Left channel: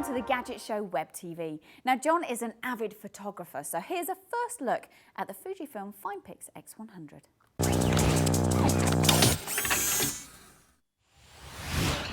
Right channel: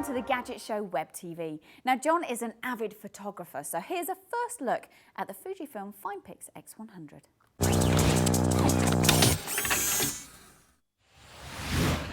welcome to the Gadget Show Web TV. Now, John is an avid photographer, so here's a first look at the Fujifilm FinePix X100.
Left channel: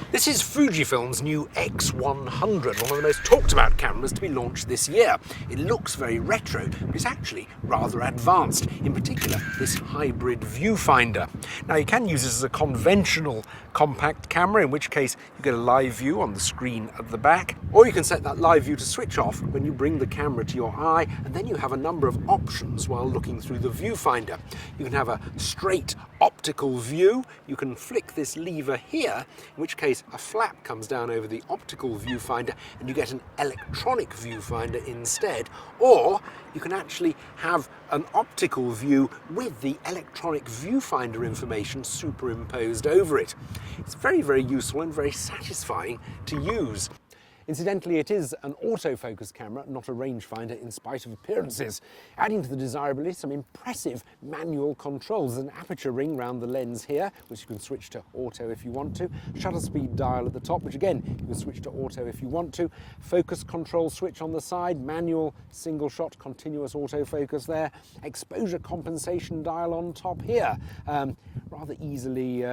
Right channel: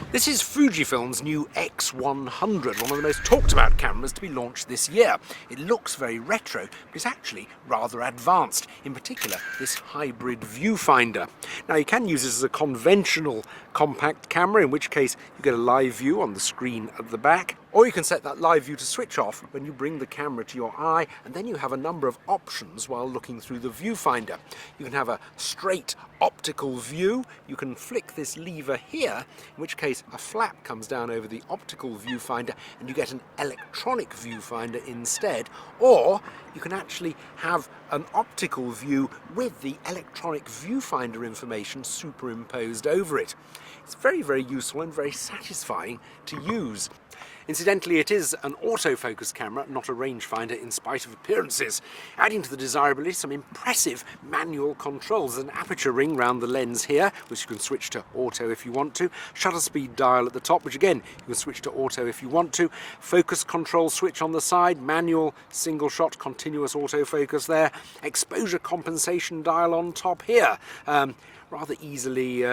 This is Fujifilm's new X100, one of the most talked about cameras to be launched this year. It looks very retro, but it's actually rather advanced, in particular this hybrid viewfinder. Now you can use this as a conventional compact camera, in which case you get a live view on the screen at the back, or you can set that live view to switch off when you bring the camera to your eye, and then you have a number of options while looking through the viewfinder. You can have a straight optical view, you can flick this lever here, in which case a flap comes down over the optical viewfinder and you get an electronic viewfinder instead, or you can actually have an optical view with the electronic viewfinder information superimposed over it. It's very, very useful and very satisfying to use. Incidentally, it is an autofocus camera, not a rangefinder, in spite of appearances, adding to the desirability some impressive manual controls. There's an aperture ring round the lens here, which you can switch to auto if you want to. Shutter speed dial at the top, which again, you can switch to auto if you want to. Focus control switch on the side, manual, single shot, continuous autofocus there. Exposure compensation dial on top here. Rather easily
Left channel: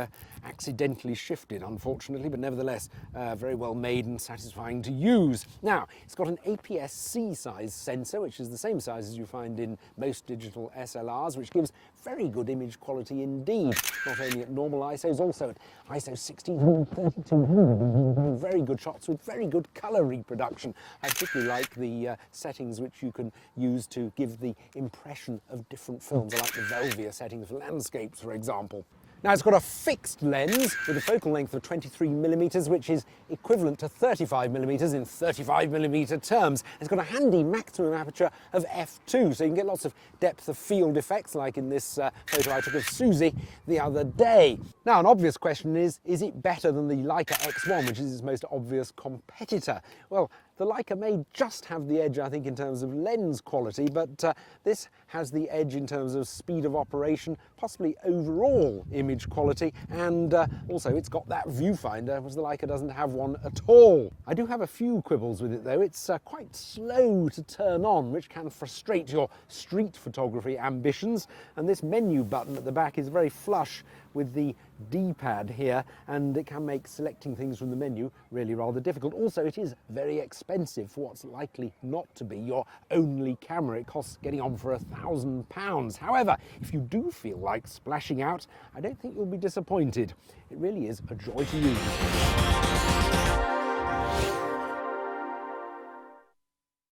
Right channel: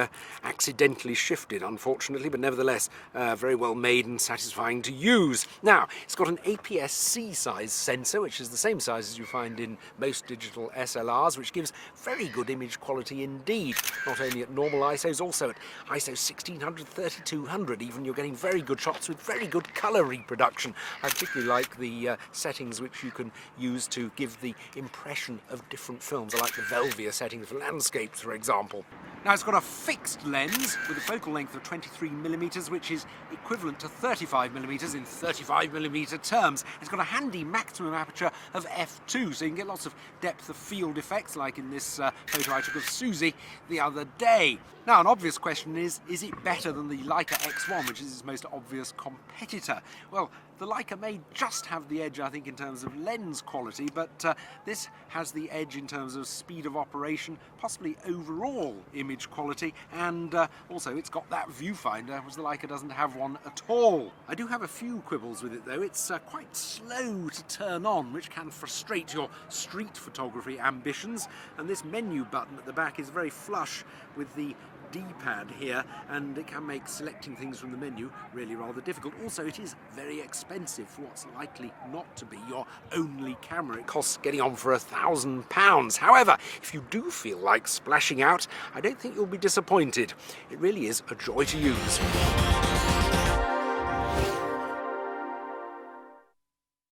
accidentally shifted, unfortunately, but nevertheless, very well made and satisfying to use. Now, it's got an APS-C size sensor, which is the same size as you find in most digital SLRs, which gives very good image quality indeed. Not only at normal ISOs, also at ISO 1600, 3200 even, you're getting very good shots with very good colour reproduction. I particularly like the settings which you can use to give the impression of different films. I like the Velvia settings for landscapes, for example. Now, it's got a fixed lens with a focal length of 23mm, which is equivalent to 35mm in 35mm terms. It's got a handy maximum aperture of f2, so you can get lots of depth of field effects, like in this photo I took of Susie the other day. Now, an obvious question is it better than the Leica X1, which is its most obvious competitor? Well, the Leica may just have the edge, I think, in terms of lens quality, but this has the edge in terms of speed of operation, possibly overall image quality, and also it's got that viewfinder, whereas the Leica doesn't have one at all. I do have a few quibbles with it though. It's quite slow to turn on, which can frustrate your street photography ambitions, and this menu button at the back is very flush with the D-pad here, and it can make selecting things from the menu really rather difficult. Also, it is very expensive for what's likely not to be your only camera. It costs getting on for £1,000. However, if you do feel like splashing out, I don't think you'll be disappointed. It really is a joy to use.